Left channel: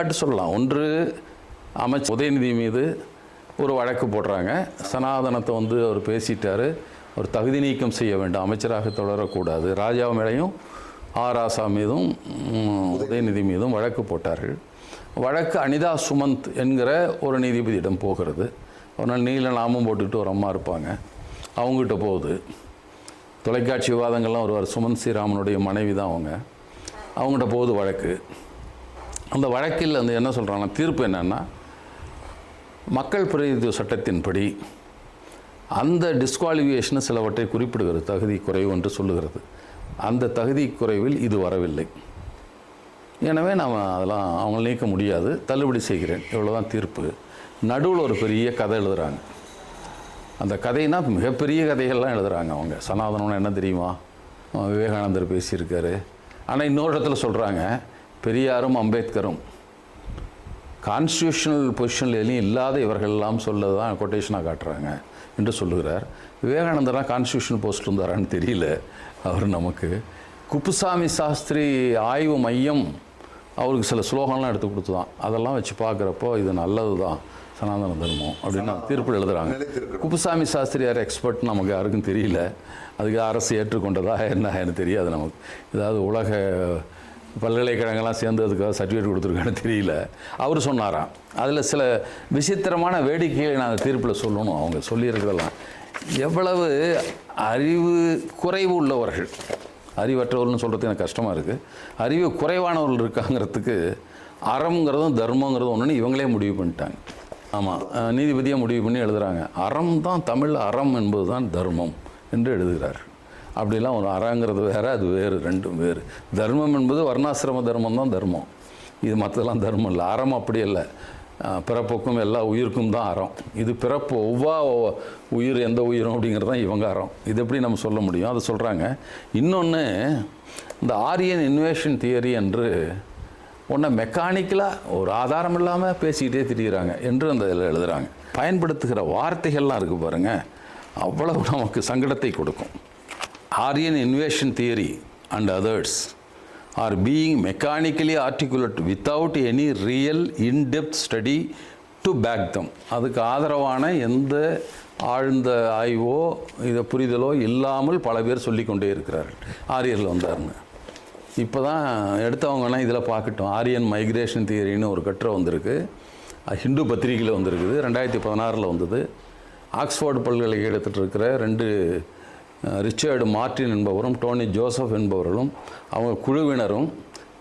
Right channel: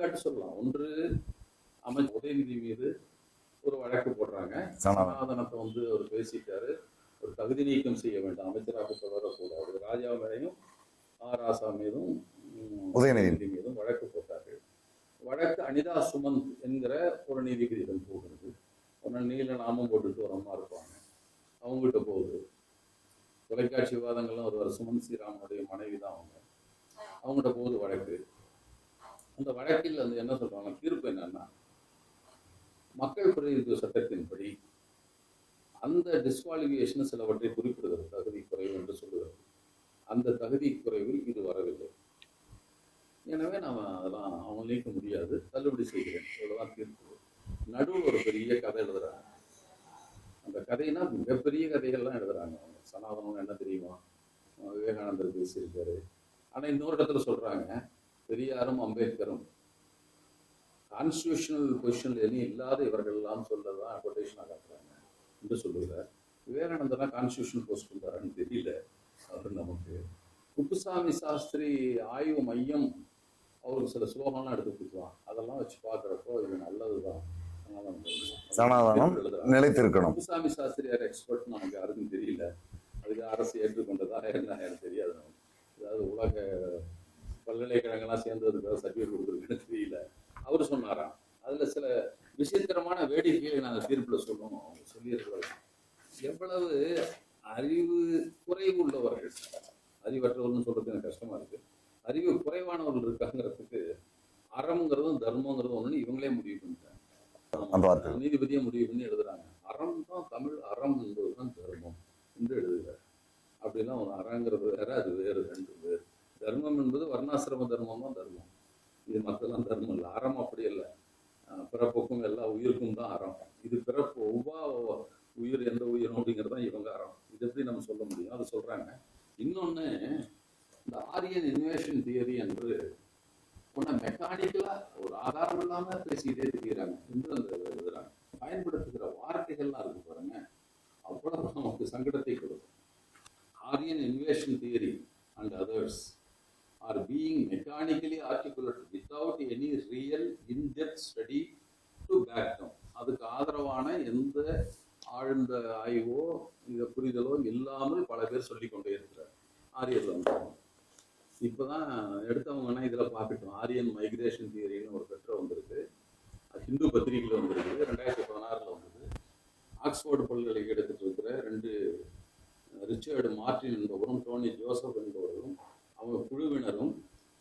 எடுத்துக்காட்டு சொல்லலாம். ஒன்று அமைச்சர் உதயநிதி மீது ஒரு வழக்கு போடுறாங்க. சனாதனத்தை வந்து அவர் பேசிட்டாரு. ஒரு தகுதி நீக்கம் செய்ய வேண்டும். அமைச்சராக தொடரக்கூடாது. ராஜா மேலேயும் ஆராசா மீதும் உதயநிதி. மீதும் வழக்கு போட்டார்கள். வழக்கு அனிதா சுமந்த் என்கிற ஒரு நீதிபதியிடம் போகிறது. ஒரு நாள் நீல நாமம் போட்டுக்கிட்டு ஒரு அம்மா இருப்பாங்க. அவங்ககிட்ட போகுது. தொலைக்காட்சி விவாதங்கள்லாம் வருவார். சுமந்த் ஸ்ரீராமனுடைய மனைவி தான் அவங்க. அவங்ககிட்ட போகுது வழக்கு. அந்த வழக்கில் வந்து என்ன சொல்கிறாங்கன்னா தீர்ப்பு என்னென்னா மக்கள் பிரதிநிதித்துவ சட்டத்தின்படி அந்த டிஸ்குவாலிஃபிகேஷன் சிலவற்றை குறிப்பிடுகிறது. தகுதி குறைவு என்று சொல்லுகிறது. அந்த தகுதி குறைவில் இது வரவில்லை. எனவே நாம் அதெல்லாம் அவங்க நீக்க முடியாது. தள்ளுபடி செய்கிறேன். இவ்வளோதான் தீர்ப்பு. நடுவில் ஒரு பெரிய கதை எழுதுகிறாங்க அந்த கதைனா மிகப்பெரிய கதைகள்லாம் எழுதுகிறாங்க அவங்க. சனாதனம்னு என்ன தெரியுமா? விவேகானந்தர் பேசியிருக்காரு. ஆனால் இன்னொரு இடத்துல சொல்கிறாங்க பெரியாரும் அம்பேத்கரும். கான்ஸ்டியூஷனல் பொசிஷனில் எதுலையும் இல்லாத இவர்கள் எல்லாம் சொல்லதை தான் கொட்டேஷனாக காட்டுறாங்க என்று சொல்லுகிறார். விவேகானந்தர்லாம் கான்ஸ்டியூஷனல் போஸ்ட் இருந்தாரான்னு தெரியல. அவர் நமக்கு குப்புசாமி சாஸ்திரி ஆய்வு மையம் அவருக்கு சில ஸ்லோகம்லாம் எடுத்து கொடுத்துதான். அதெல்லாம் வச்சு பார்க்குறப்போ இது நல்லது தான் சனாதன தர்மம் அப்படின்னு தீர்ப்பு எழுதுறாங்க. நிலைத்திருக்கணும். குப்புசாமி சாஸ்திரி யார் எக்ஸ்பர்ட் நமக்கு யாருக்கும் தெரியல. அதுக்கு அரசு ஏற்றுக்கொண்டதா என்ன எனக்கு தெரியாது நமக்கு. ஏதாவது உலக பல்கலைக்கழகங்கள்லாம் சேர்ந்ததுக்காக சர்டிஃபிகேட் கொடுத்துருக்கான்னு தெரியல. அவர் சொன்னாராம். அதில் சில விசித்திரமான வேடிக்கையை நான் அந்த தீர்ப்பில் சொல்லணும். அவங்க சொல்லியிருக்கிறதெல்லாம். எவ்வளவு அறிவு குறைவு உள்ளவர்கள். அறிவற்றவர்கள்னு சொல்கிறது எனக்கு கஷ்டமாக இருக்குது அறிவு குறைவானவர்கள் இருக்காங்கிறதுக்கு அறம்ங்கிறதும் தர்மங்கிறதும் ஒன்றுன்னு இவங்களே முடிவு பண்ணிட்டாங்க. ஆமாம் நீதிபதியாக முடிவு பண்ணி எழுதுகிறாங்க அறம் தான் தமிழ் அறம் என்பது தான் தர்மம் என்று எழுதுகிறார் அப்படிலாம் ஒரு அறங்கிறது வேறு அது வேறு ரெண்டும் வேறு. தர்மம் என்பது வர்ணாசிரம தர்மம் தான் தர்மம். இது மற்றதெல்லாம் தர்மம் இல்லை. அறம் அப்படி இல்லை. பிறப்புக்கும் எல்லா உயிருக்கும் தான் அறம். இது பிறப்பு ஒவ்வா உயிர் எந்த உயிரும் அப்படிங்கிறது தான் இவங்க அறம். இது எப்படி நம்ம சொல்ல முடியும்? அதை சொல்கிறாங்க இன்னொன்று இந்த ஆரியன் இன்வேஷன் தியரி என்று ஒன்றை மெக்கானிக்கலாக ஒரு ஆதாரம் இல்லாமல் பேசிக்கிட்டே திரிகிறாங்க என்று அந்த இதில் எழுதுகிறாங்க பயன்படுத்துகிற வார்த்தைகள்லாம் இருக்குது பாருங்கள் அவ்வளவு நமக்கு சங்கடத்தை கொடுக்கும். Aryan invasion theory and others are being mechanically articulate without any real in depth study to back them அதுக்கு ஆதரவான எந்த ஆழ்ந்த ஆய்வோ இதை புரிதலோ இல்லாமல் பல பேர் சொல்லிக்கொண்டே இருக்கிறார்கள். ஆரியர்கள் வந்தாருன்னு இப்போ தான் எடுத்தவங்கன்னா இதில் பார்க்கட்டும். ஆரியன் மைக்ரேஷன் தியரின்னு ஒரு கட்டுரை வந்திருக்கு. ஹிந்து பத்திரிகையில் வந்திருக்குது. ரெண்டாயிரத்தி பதினாறில் வந்தது. ஆக்ஸ்ஃபோர்டு பல்கலைக்கழகத்தில் இருக்கிற ரெண்டு ரிச்சர்டு மார்ட்டின் என்பவரும் டோனி ஜோசப் என்பவர்களும் அவங்க குழுவினரும்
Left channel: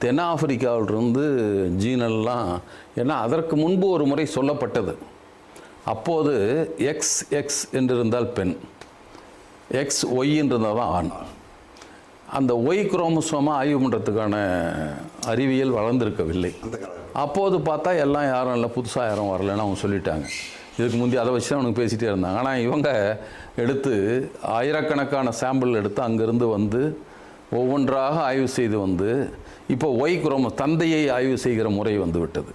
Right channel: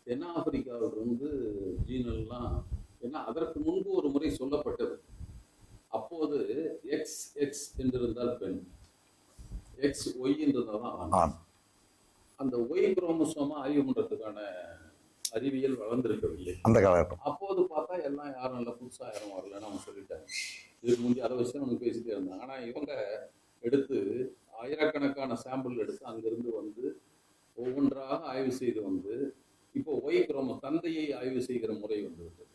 தென்னாப்பிரிக்காவிலிருந்து ஜீனெல்லாம் ஏன்னா அதற்கு முன்பு ஒரு முறை சொல்லப்பட்டது. அப்போது எக்ஸ் எக்ஸ் என்றிருந்தால் பெண். எக்ஸ் ஒய் என்றிருந்தால் தான் ஆண். ஆண். அந்த ஒய் குரோமோசோமாக ஆய்வு பண்ணுறதுக்கான அறிவியல் வளர்ந்திருக்கவில்லை. அந்த காலகட்டம். அப்போது பார்த்தா எல்லாம் யாரும் இல்லை புதுசாக யாரும் வரலன்னு அவங்க சொல்லிட்டாங்க. இதுக்கு முந்தி அதை வச்சு தான் அவனுக்கு பேசிகிட்டே இருந்தாங்க. ஆனால் இவங்க எடுத்து ஆயிரக்கணக்கான சாம்பிள் எடுத்து அங்கேருந்து வந்து ஒவ்வொன்றாக ஆய்வு செய்து வந்து இப்போ ஒய் குரோமோ தந்தையை ஆய்வு செய்கிற முறை வந்து விட்டது.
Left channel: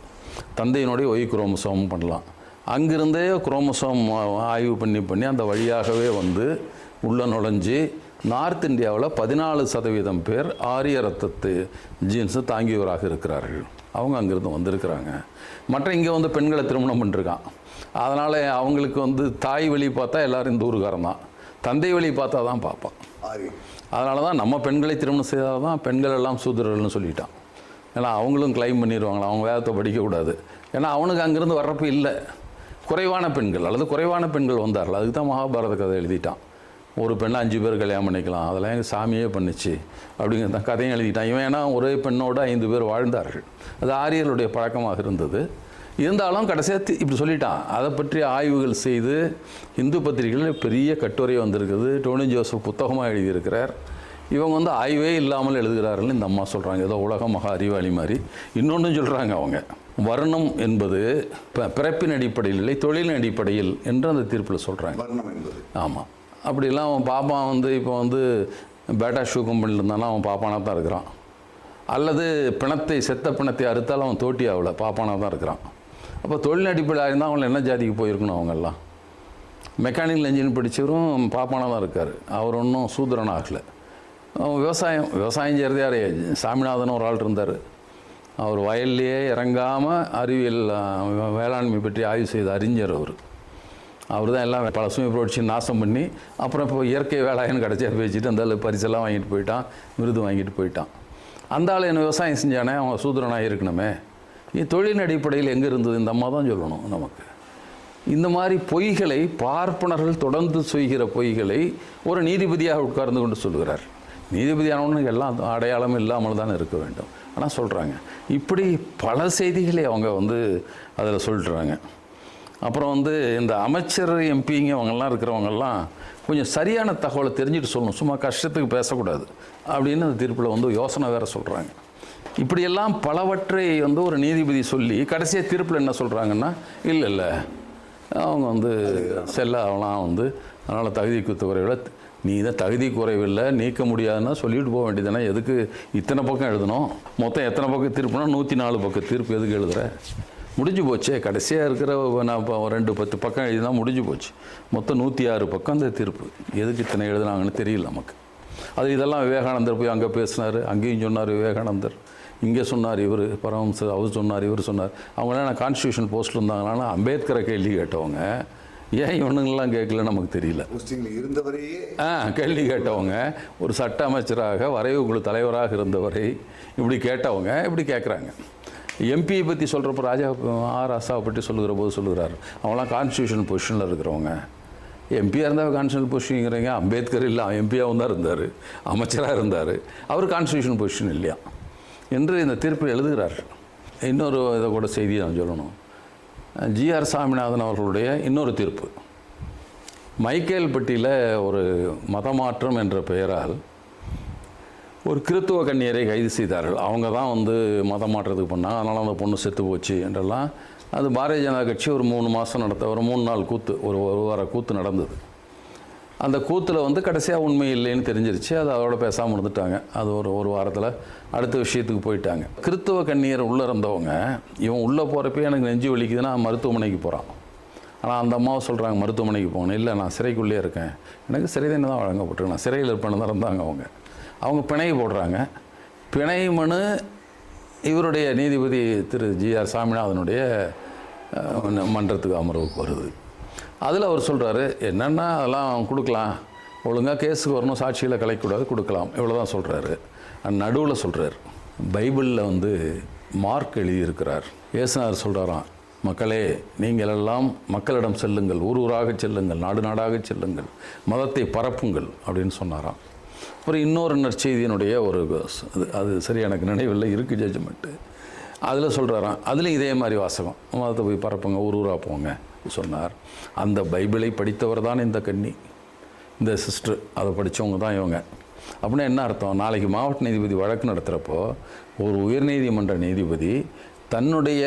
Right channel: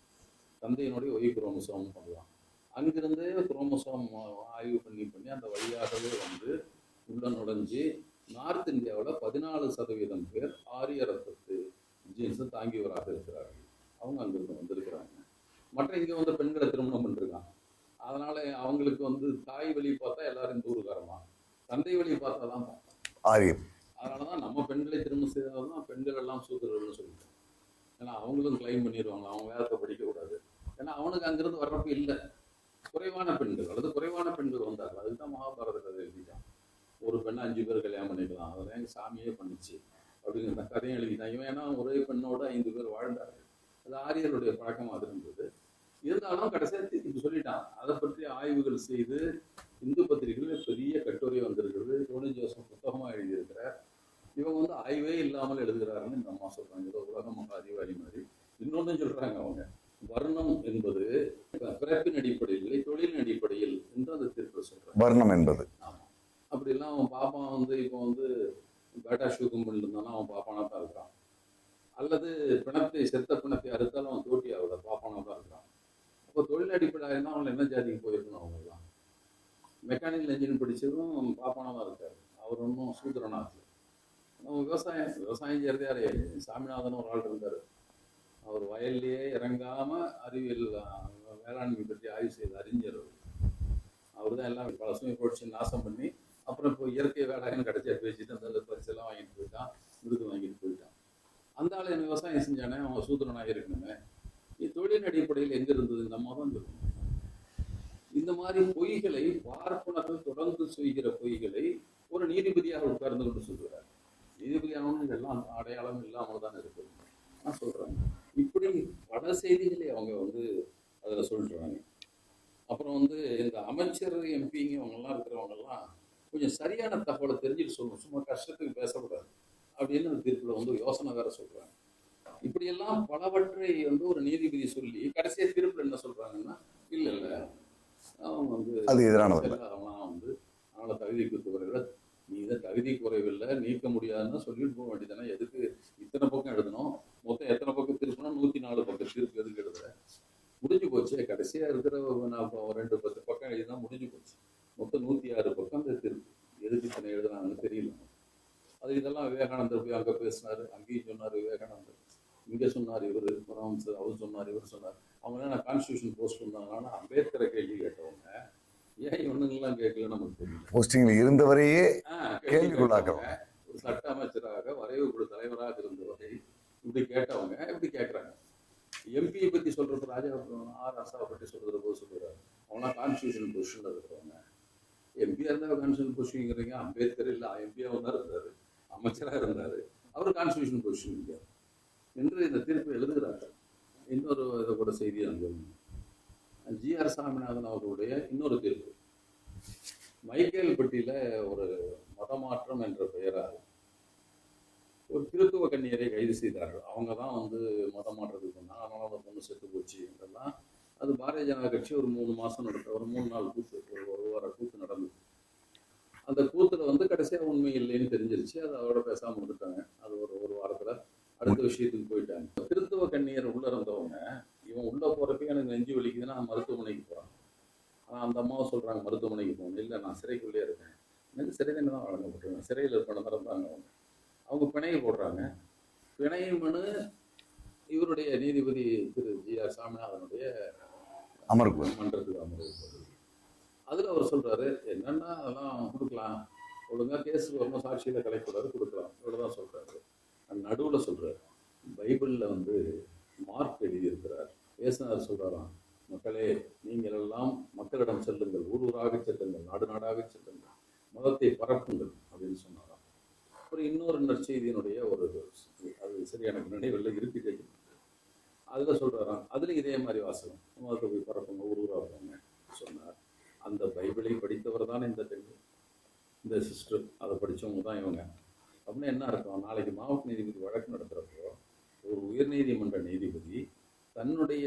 தந்தையினுடைய ஒய் குரோமோசோம் பண்ணலாம். அங்கிருந்தே குரோமோசோம் ஆய்வு பண்ணி பண்ணி அந்த வழியாகவே வந்து உள்ளே நுழைஞ்சு நார்த் இந்தியாவில் பதினாலு சதவீதம் பேர் ஆரிய ரத்தத்து ஜீன்ஸு தாங்கியவராக இருக்கிறார்கள். அவங்க அங்கேருந்து வந்திருக்கிறாங்க. மற்ற இங்கே வந்து பெண்களை திருமணம் பண்ணிருக்கான். அதனால் அவங்களுக்கு வந்து தாய் வழி பார்த்தா எல்லாரும் இந்த ஊருக்காரன் தான். தந்தை வழி பார்த்தா தான் பார்ப்பான். அதனால தான் நம்ம பெண்களை திருமணம் செய்தால் தான் பெண்கள் எல்லாம் சூத்திரர்கள்னு சொல்லிட்டான். ஏன்னா அவங்களும் கிளைம் பண்ணிடுவாங்களா அவங்க வேதத்தை படிக்கக்கூடாது. ஏன்னா அவனுக்கு அங்கேருந்து வர்றப்ப இல்லை. குறைவான பெண்கள் அல்லது குறைவான பெண்கள் வந்தார்கள். அதுக்கு தான் மகாபாரத கதை எழுதிட்டான். ஒரு பெண்ணை அஞ்சு பேர் கல்யாணம் பண்ணிக்கலாம். அதெல்லாம் எங்கள் சாமியே பண்ணுச்சு. அப்படிங்கிறது கதையும் எழுதிட்டான். இவன் ஏன்னா ஒரே பெண்ணோடு ஐந்து பேர் வாழ்ந்தார்கள். அது ஆரியர்களுடைய பழக்கமாக இருந்தது. இருந்தாலும் கடைசியாக இப்படி சொல்லிட்டான். அதை பற்றி ஆய்வுகள் செய்து இந்து பத்திரிகைகளில் பெரிய கட்டுரை வந்திருக்குது. டோனி ஜோசப் புத்தகமாக எழுதியிருக்கிறார். இவங்க வந்து ஆய்வே இல்லாமல் எழுதுகிறார்கள்னு இந்த அம்மா சொல்கிறாங்க ஏதோ உலக மகா அறிவாளி மாதிரி. இன்னொன்றும் சொல்கிறாங்க அவங்க. வர்ணம் என்பது பிறப்பின் அடிப்படையில் இல்லை தொழிலின் அடிப்படையில் என்று அந்த தீர்ப்பில் சொல்கிறாங்க வர்ணம் என்பது. ஆமாம் அப்படிலாம் அவன் பாப்பான் வந்து இப்போ வந்து பேட்டா ஷூ கம்பெனியில் இருந்தானா அவன் பாப்பானாக தான் இருக்கிறான். அல்லது பிணத்தை செத்த பிணத்தை அறுத்தாலும் அவன் தோட்டி ஆகல. பாப்பானாக தான் இருக்கிறான். அப்போ தொழில் அடிப்படையாக இருந்தால் அவங்கள என்ன ஜாதிக்கு போயிருக்கணும் அவங்கெல்லாம்? மெக்கானிக்கல் இன்ஜினியர் படித்தவரும் பாப்பானாக தான் இருக்கார். அவர் ஒன்றும் சூத்திரன் ஆகலை விவசாயம் விவசாயம் செய்கிறது யார்? சாமிநாதன் ஒரு ஆள் இருந்தார். அவர் வயல்லையே இறங்காமல் அறிவியல் வேளாண்மை பற்றி ஆய்வு செய்த அறிஞர் அவர். அவர் தான் எல்லாம் பழசுமை புரட்சி நாசம் பண்ணி அப்புறம் இப்போ இயற்கை வேளாயன்னு கடைசியாக பேசிட்டு அந்த பரிசெல்லாம் வாங்கிட்டு போயிட்டான் விருது வாங்கிட்டு போயிட்டான். அந்த ஆள் என்ன விவசாயம் செஞ்சானே? அவன் சூத்திரனாக இருக்கணுமே. தொழில் அடிப்படையில் எங்கே இருந்தது? இந்த அம்மா தான் சொல்லணும் நமக்கு. இந்த மாதிரி பொய்களை பார்ப்பனர்கள் தொடர்ந்து செய்கிற பொய்களை ஒரு நீதிபதியாக உட்கார்ந்து கொண்டு சொல்லுகிறார். நீதிபதியானவனுக்கு எல்லாம் அடையாளம் இல்லாமல் தான் இருக்க வேண்டும். ஆனால் சொல்கிறாங்க இப்படி பல செய்திகளை அவங்க வந்து அதில் சொல்லிட்டுறாங்க அப்புறம் வந்து இந்த அமைச்சர் எம்பிங்க அவங்கெல்லாம் இருக்கிறவங்கெல்லாம் கொஞ்சம் சரியான தகவலை தெரிஞ்சுட்டு சொல்லணும். சும்மா கஷ்டத்துக்கு பேசக்கூடாது. அப்படின்னு அந்த தீர்ப்பில் வந்து யோசனை வேறு சொல்கிறாங்க இப்படியெல்லாம் பலவற்றை வந்து ஒரு நீதிபதி சொல்லி கடைசியாக தீர்ப்பில் என்ன சொல்கிறாங்கன்னா இல்லை இல்லை. அவங்க வந்து செல்ல அவலாம் வந்து. அதனால் தகுதி குறைவில் நீ தான் தகுதி குறைவில்லை நீக்க முடியாதுன்னா சொல்லிட்டு போக வேண்டியதானே எதுக்கு இத்தனை பக்கம் எழுதணும்? மொத்தம் எத்தனை பக்கம் தீர்ப்புனா நூற்றி நாலு பக்கம் தீர்ப்பு. எதுக்கு எழுதுற? முடிஞ்சு போச்சே. கடைசியாக இருக்கிற நான் இப்போ ரெண்டு பத்து பக்கம் எழுதினா முடிஞ்சு போச்சு. மொத்தம் நூற்றி ஆறு பக்கம் அந்த தீர்ப்பு. எதுக்கு இத்தனை எழுதுனாங்கன்னு தெரியல நமக்கு. அது இதெல்லாம் விவேகானந்தர் போய் அங்கே பேசினார். அங்கேயும் சொன்னார் விவேகானந்தர். இங்கே சொன்னார் இவர் பரமஹம்சர் அவர் சொன்னார் இவர் சொன்னார். அவங்களாம் நான் கான்ஸ்டியூஷன் போஸ்ட்டில் இருந்தாங்களான்னா அம்பேத்கரை கேள்வி கேட்டவங்க. ஏன் இவனுங்கெல்லாம் கேட்கல நமக்கு தெரியல. போஸ்டிங்கில் இருந்தவரையே ஆ கேள்வி கேட்டவங்க. ஒரு சட்ட அமைச்சராக வரைவு குழு தலைவராக இருந்தவரை இப்படி கேட்டவங்க இப்படி கேட்குறாங்க. எம்பியை பற்றி சொல்கிறப்ப ராஜா ஆர் ராசாவை பற்றி சொல்லுகிற போது சொல்லுகிறார். அவங்களாம் கான்ஸ்டியூஷன் பொசிஷனில் இருக்கிறவங்க. எம்பியாக இருந்தால் கான்ஸ்டியூஷன் பொசிஷனுங்கிறீங்க அம்பேத்கர் இல்லை எம்பியாகவும் தான் இருந்தார். அமைச்சராக இருந்தார். அவர் கான்ஸ்டியூஷன் பொசிஷன் இல்லையா? என்று இந்த தீர்ப்பை எழுதுகிறார்கள். இன்னொரு இதை கூட செய்தியை நான் சொல்லணும். ஜிஆர் சாமிநாதன் அவர்களுடைய இன்னொரு தீர்ப்பு. மைக்கேல்பட்டியில் ஒரு மதமாற்றம் என்ற பெயரால் ஒரு கிறித்துவ கன்னியரை கைது செய்தார்கள். அவங்க தான் வந்து மதம் மாற்றத்துக்கு பண்ணாங்க அதனால் அந்த பொண்ணு செத்து போச்சு என்றெல்லாம் அது பாரதிய ஜனதா கட்சி ஒரு மூணு மாதம் நடத்த ஒரு மூணு நாள் கூத்து ஒரு ஒரு வார கூத்து நடந்தது. அந்த கூத்தில் வந்து கடைசியாக உண்மை இல்லைன்னு தெரிஞ்சிருச்சு. அது அதோட பேசாமல் இருந்துட்டாங்க. அது ஒரு ஒரு வாரத்தில் அடுத்த விஷயத்துக்கு போயிட்டாங்க. கிறித்துவ கன்னியர் உள்ளே இருந்தவங்க இவன் உள்ளே போகிறப்ப எனக்கு நெஞ்சு வலிக்குதுன்னா மருத்துவமனைக்கு போகிறான் ஆனால் அந்த அம்மாவை சொல்கிறாங்க மருத்துவமனைக்கு போகணும். இல்லை நான் சிறைக்குள்ளேயே இருக்கேன். எனக்கு சிறை தண்டனை தான் வழங்கப்பட்டு நான் சிறையில் இருப்பேன்னு தான் இருந்தாங்க அவங்க. அவங்க பிணை போடுறாங்க. பிணை மனு இவருடைய நீதிபதி திரு ஜிஆர் சாமிநாதனுடைய மன்றத்துக்கு அமர்வுக்கு வருது. அதில் அவர் சொல்கிறாரு என்னென்னா அதெல்லாம் கொடுக்கலாம். ஒழுங்காக கேஸுக்கு வரணும் சாட்சியில் கலைக்கூடாது கொடுக்கலாம். இவ்வளோ தான் சொல்கிறாரு நடுவில் சொல்கிறார் பைபிளில் வந்து மார்க் எழுதியிருக்கிறார். இயேசுநாதர் சொல்கிறாராம் மக்களே நீங்கள் எல்லாம் மக்களிடம் செல்லுங்கள். ஊர் ஊராக செல்லுங்கள். நாடு நாடாக செல்லுங்கள். மதத்தை பரப்புங்கள். அப்படின்னு சொன்னாராம். அப்புறம் இன்னொரு நற்செய்தியினுடைய ஒரு அது அது சரி எனக்கு நினைவில்லை. இருக்குது ஜட்ஜ்மெண்ட்டு அதில் சொல்கிறாராம் அதில் இதே மாதிரி வாசகம். மதத்தை போய் பரப்புங்க ஊர் ஊராக போங்க. சொன்னார். அந்த பைபிளை படித்தவர் தான் இந்த கன்னி. இந்த சிஸ்டர் அதை படித்தவங்க தான் இவங்க. அப்படின்னா என்ன அர்த்தம்? நாளைக்கு மாவட்ட நீதிபதி வழக்கு நடத்துகிறப்போ ஒரு உயர்நீதிமன்ற நீதிபதி தன்னுடைய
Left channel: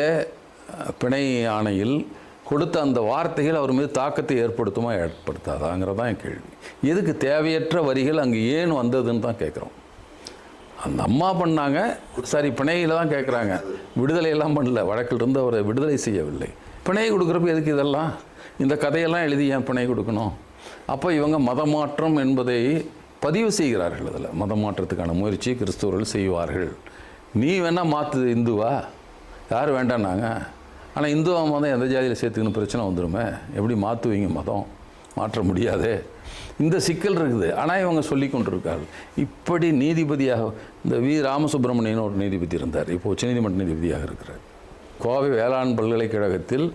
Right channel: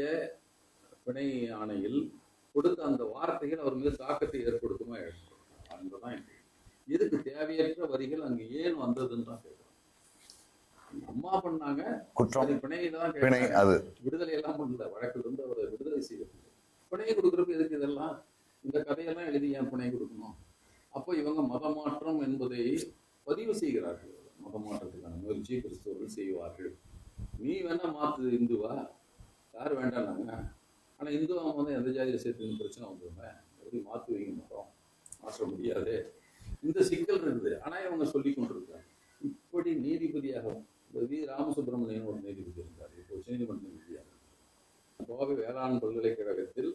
பிணை ஆணையில் கொடுத்த அந்த வார்த்தைகள் அவர் மீது தாக்கத்தை ஏற்படுத்துமா ஏற்படுத்தாதாங்கிறதான் என் கேள்வி. எதுக்கு தேவையற்ற வரிகள் அங்கே ஏன் வந்ததுன்னு தான் கேட்குறோம். அந்த அம்மா பண்ணாங்க. சரி பிணையில தான் கேட்குறாங்க அது. விடுதலை எல்லாம் பண்ணல. வழக்கில் இருந்து அவரை விடுதலை செய்யவில்லை. பிணை கொடுக்குறப்ப எதுக்கு இதெல்லாம்? இந்த கதையெல்லாம் எழுதி ஏன் பிணை கொடுக்கணும்? அப்போ இவங்க மதமாற்றம் என்பதை பதிவு செய்கிறார்கள் அதில். மதமாற்றத்துக்கான முயற்சி கிறிஸ்தவர்கள் செய்வார்கள். நீ வேணா மாற்று இந்துவா? யார் வேண்டான்னாங்க ஆனால் இந்துவா மதம் எந்த ஜாதியில் சேர்த்துக்கணும் பிரச்சனை வந்துருமே. எப்படி மாற்றுவீங்க மதம்? மாற்ற முடியாதே. இந்த சிக்கல் இருக்குது. ஆனால் இவங்க சொல்லி கொண்டிருக்கார்கள். இப்படி நீதிபதியாக இந்த வி. ராமசுப்ரமணியன் ஒரு நீதிபதி இருந்தார். இப்போ உச்சநீதிமன்ற நீதிபதியாக இருக்கிறார். கோவை வேளாண் பல்கலைக்கழகத்தில்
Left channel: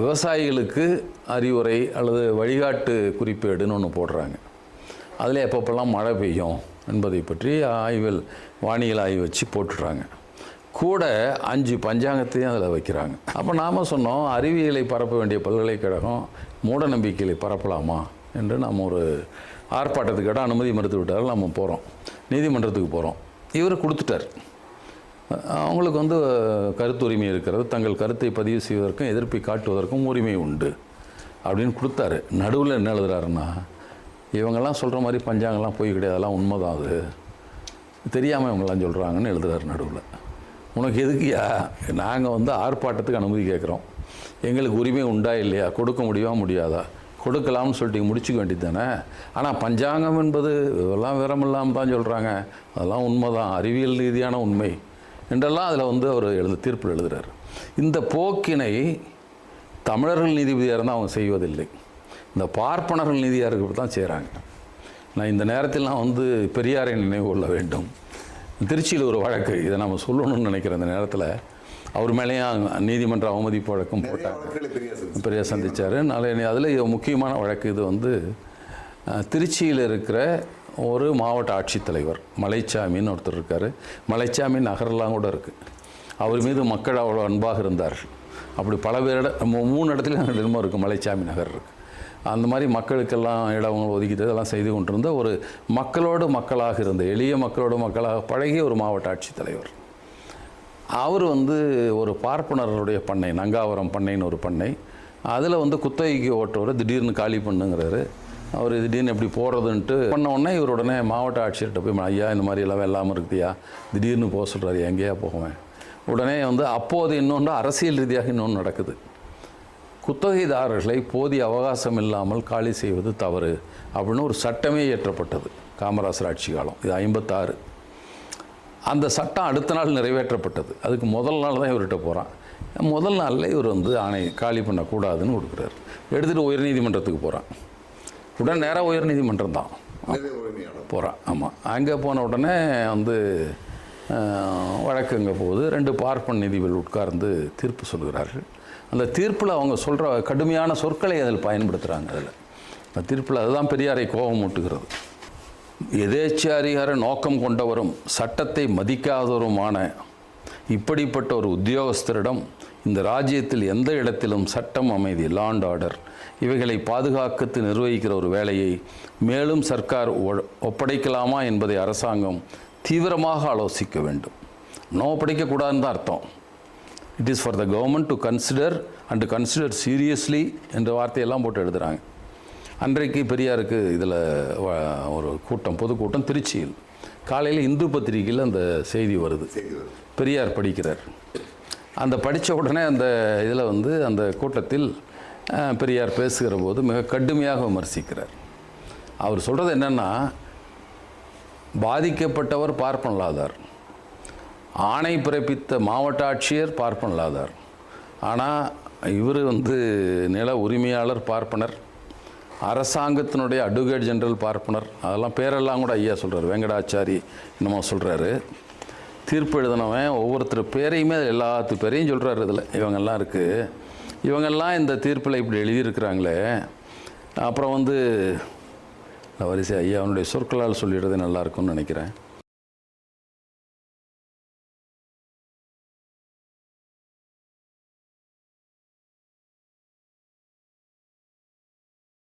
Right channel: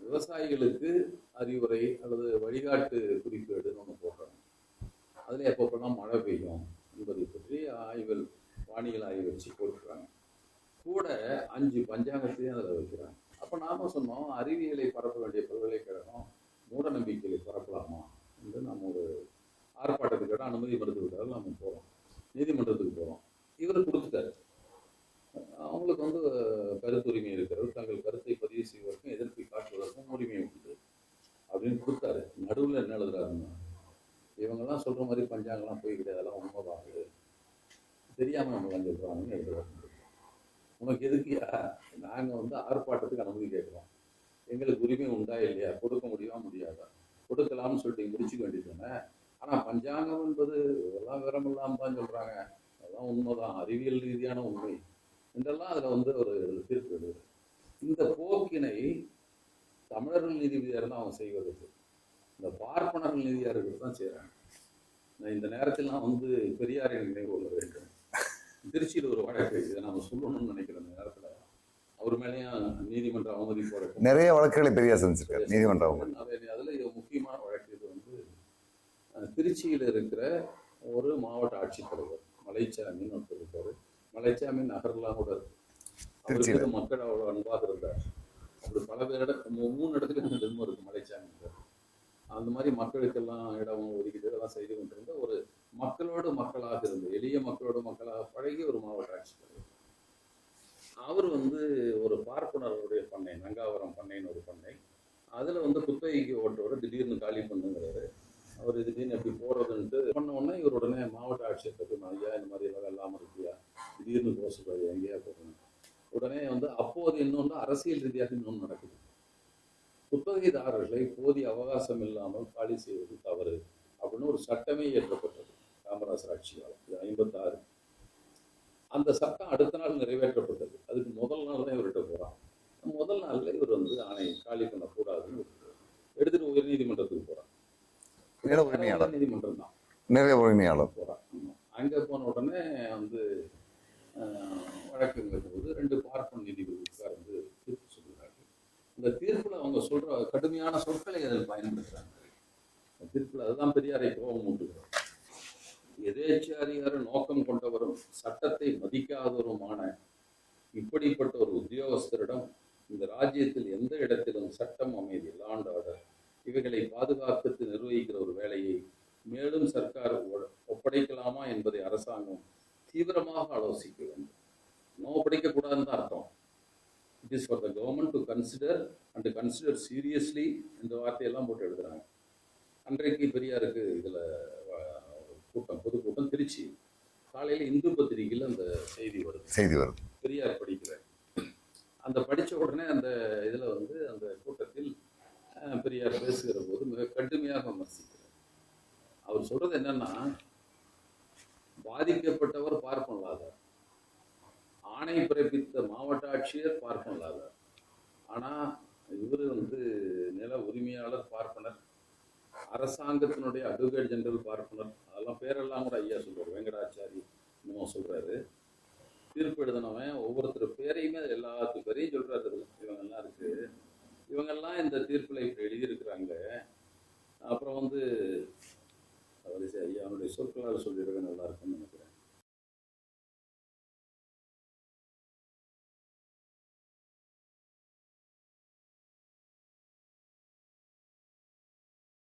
விவசாயிகளுக்கு அறிவுரை அல்லது வழிகாட்டு குறிப்பேடுன்னு ஒன்று போடுறாங்க. அதில் எப்பப்பெல்லாம் மழை பெய்யும் என்பதை பற்றி ஆய்வில் வானியல் ஆய்வு வச்சு போட்டுடுறாங்க கூட அஞ்சு பஞ்சாங்கத்தையும் அதில் வைக்கிறாங்க. அப்போ நாம் சொன்னோம் அறிவியலை பரப்ப வேண்டிய பல்கலைக்கழகம் மூட நம்பிக்கைகளை பரப்பலாமா என்று நாம் ஒரு ஆர்ப்பாட்டத்துக்கு இடம் அனுமதி மறுத்து விட்டால் நம்ம போகிறோம் நீதிமன்றத்துக்கு போகிறோம் இவர் கொடுத்துட்டார். அவங்களுக்கு வந்து கருத்து உரிமை இருக்கிறது. தங்கள் கருத்தை பதிவு செய்வதற்கும் எதிர்ப்பை காட்டுவதற்கும் உரிமை உண்டு அப்படின்னு கொடுத்தாரு. நடுவில் என்ன எழுதுறாருன்னா இவங்கெல்லாம் சொல்கிற மாதிரி பஞ்சாங்கெல்லாம் போய் கிடையாது. அதெல்லாம் உண்மைதான் அது. தெரியாமல் இவங்கெல்லாம் சொல்கிறாங்கன்னு எழுதுறாரு நடுவில். உனக்கு எதுக்குயா நாங்கள் வந்து ஆர்ப்பாட்டத்துக்கு அனுமதி கேட்குறோம். எங்களுக்கு உரிமை உண்டா இல்லையா? கொடுக்க முடியுமா முடியாதா? கொடுக்கலாம்னு சொல்லிட்டு முடிச்சுக்க வேண்டியது தானே? ஆனால் பஞ்சாங்கம் என்பது இதெல்லாம் விரமில்லாமல் தான் சொல்கிறாங்க அதெல்லாம் உண்மை தான் அறிவியல் ரீதியான உண்மை. என்றெல்லாம் அதில் வந்து அவர் எழுது தீர்ப்பில் எழுதுகிறார் இந்த போக்கினை தமிழர்கள் நீதிபதியாக இருந்தால் அவங்க செய்வதில்லை. இந்த பார்ப்பனர்கள் நீதியாக இருக்கிறது தான் செய்கிறாங்க நான் இந்த நேரத்தில் நான் வந்து பெரியாரை நினைவு கொள்ள வேண்டும். திருச்சியில் ஒரு வழக்கு. இதை நம்ம சொல்லணும்னு நினைக்கிறேன் இந்த நேரத்தில் அவர் மேலேயும் நீதிமன்ற அவமதிப்பு வழக்கம் நிறைய வழக்குகளை பெரிய பெரிய சந்திச்சார். நாளை அதில் முக்கியமான வழக்கு இது வந்து திருச்சியில் இருக்கிற ஒரு மாவட்ட ஆட்சித்தலைவர் மலைச்சாமின்னு ஒருத்தர் இருக்கார். மலைச்சாமி நகரெல்லாம் கூட இருக்குது அவர் மீது மக்கள் அவ்வளோ அன்பாக இருந்தார் அப்படி பல பேர் இட மூ- மூணு இடத்துல இடமும் இருக்குது மலைச்சாமி நகர் இருக்குது அந்த மாதிரி மக்களுக்கெல்லாம் இடங்கள் ஒதுக்கிட்டு இதெல்லாம் செய்து கொண்டிருந்த ஒரு மக்களோடு மக்களாக இருந்த எளிய மக்களோடு மக்களாக பழகிய ஒரு மாவட்ட ஆட்சித்தலைவர் அவர் வந்து ஒரு பார்ப்பனர்களுடைய பண்ணை நங்காவரம் பண்ணைன்னு ஒரு பண்ணை. அதில் வந்து குத்தகைக்கு ஓட்டுறவர் திடீர்னு காலி பண்ணுங்கிறாரு. அவர் திடீர்னு எப்படி போகிறதுன்ட்டு பண்ண உடனே இவர் உடனே மாவட்ட ஆட்சியர்கிட்ட போய் ஐயா இந்த மாதிரி எல்லாம் இல்லாமல் இருக்குதுயா திடீர்னு போக சொல்கிறாரு எங்கேயா போவேன் உடனே வந்து அப்போது இன்னொன்று அரசியல் ரீதியாக இன்னொன்று நடக்குது. குத்தகைதாரர்களை போதிய அவகாசம் இல்லாமல் காலி செய்வது தவறு அப்படின்னு ஒரு சட்டமே இயற்றப்பட்டது காமராசர் ஆட்சி காலம். இது ஐம்பத்தாறு. அந்த சட்டம் அடுத்த நாள் நிறைவேற்றப்பட்டது. அதுக்கு முதல் நாள் தான் இவர்கிட்ட போகிறான் முதல் நாளில் இவர் வந்து ஆணை காலி பண்ணக்கூடாதுன்னு கொடுக்குறாரு. எடுத்துகிட்டு உயர்நீதிமன்றத்துக்கு போகிறான் உடனே நேராக உயர்நீதிமன்றம் தான். நிறைய உரிமையாளர் போகிறான் ஆமாம் அங்கே போன உடனே வந்து வழக்கு அங்கே போகுது. ரெண்டு பார்ப்பன் நீதிபதிகள் உட்கார்ந்து தீர்ப்பு சொல்கிறார்கள். அந்த தீர்ப்பில் அவங்க சொல்கிற கடுமையான சொற்களை அதில் பயன்படுத்துகிறாங்க அதில். அந்த தீர்ப்பில் அதுதான் பெரியாரை கோபம் மூட்டுகிறது எதேச்சாரிகார நோக்கம் கொண்டவரும் சட்டத்தை மதிக்காதவருமான இப்படிப்பட்ட ஒரு உத்தியோகஸ்தரிடம் இந்த ராஜ்யத்தில் எந்த இடத்திலும் சட்டம் அமைதி லாண்ட் ஆர்டர் இவைகளை பாதுகாக்கத்து நிர்வகிக்கிற ஒரு வேலையை மேலும் சர்க்கார் ஒ- ஒப்படைக்கலாமா என்பதை அரசாங்கம் தீவிரமாக ஆலோசிக்க வேண்டும். நோ ஒப்படைக்கக்கூடாதுன்னு தான் அர்த்தம். It is for the government to consider and consider seriously என்ற வார்த்தையெல்லாம் போட்டு எழுதுகிறாங்க அன்றைக்கு பெரியாருக்கு இதில் ஒரு கூட்டம் பொதுக்கூட்டம் திருச்சியில். காலையில் இந்து பத்திரிகையில் அந்த செய்தி வருது. செய்தி வருது. பெரியார் படிக்கிறார். அந்த படித்த உடனே அந்த இதில் வந்து அந்த கூட்டத்தில் பெரியார் பேசுகிற போது மிக கடுமையாக விமர்சிக்கிறார். அவர் சொல்கிறது என்னென்னா பாதிக்கப்பட்டவர் பார்ப்பனலாதார். ஆணை பிறப்பித்த மாவட்ட ஆட்சியர் பார்ப்பனலாதார் ஆனால் இவர் வந்து நில உரிமையாளர் பார்ப்பனர் அரசாங்கத்தினுடைய அட்வொகேட் ஜெனரல் பார்ப்பனர் அதெல்லாம் பேரெல்லாம் கூட ஐயா சொல்கிறார் வெங்கடாச்சாரி என்னமோ சொல்கிறாரு தீர்ப்பு எழுதினவன் ஒவ்வொருத்தர் பேரையுமே எல்லாத்து பேரையும் சொல்கிறாரு இதில் இவங்கெல்லாம் இருக்குது இவங்கெல்லாம் இந்த தீர்ப்பில் இப்படி எழுதியிருக்கிறாங்களே. அப்புறம் வந்து வரிசை ஐயா அவனுடைய சொற்களால் சொல்லிடுறது நல்லாயிருக்கும்னு நினைக்கிறேன்.